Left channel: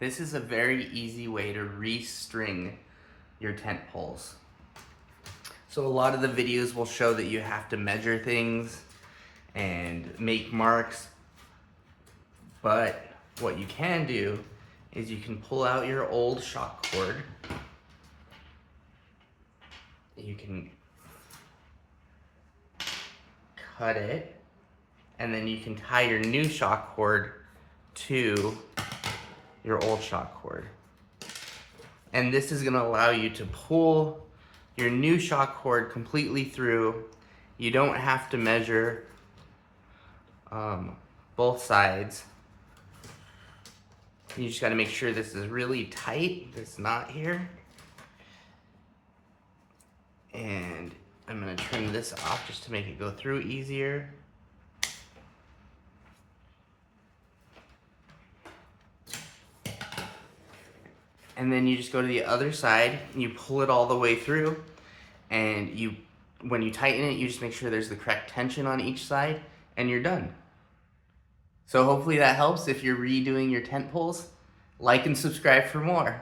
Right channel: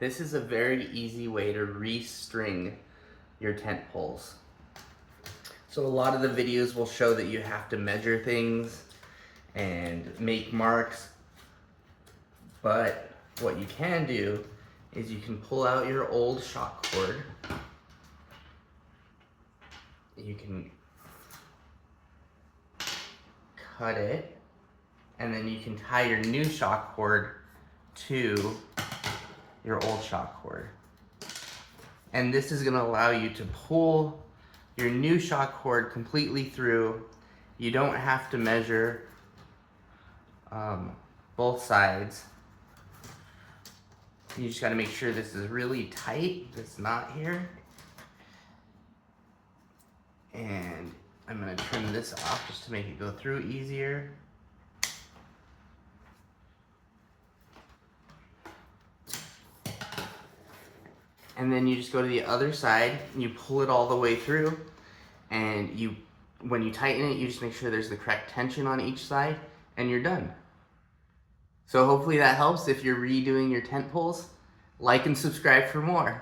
This is a very easy way to restring your tent poles. So a lot of the videos will show that you have to measure things and make marks, but what you can do is you can pull out your old shock cord. You can cut it, and then you can tie your new shock cord to your old shock cord. And this is gonna allow you to pull your new shock cord completely through. You don't have to measure both sides. You just gotta make sure this is really tight, it's not here. And I'm gonna trim this off just to make it go through easier. And then you just go to the other side and you pull it all the way through, and when you tighten it, you just make sure there's the correct tension on each side, and you're done. So hopefully that helps if you're redoing your tent poles. Like and subscribe for more.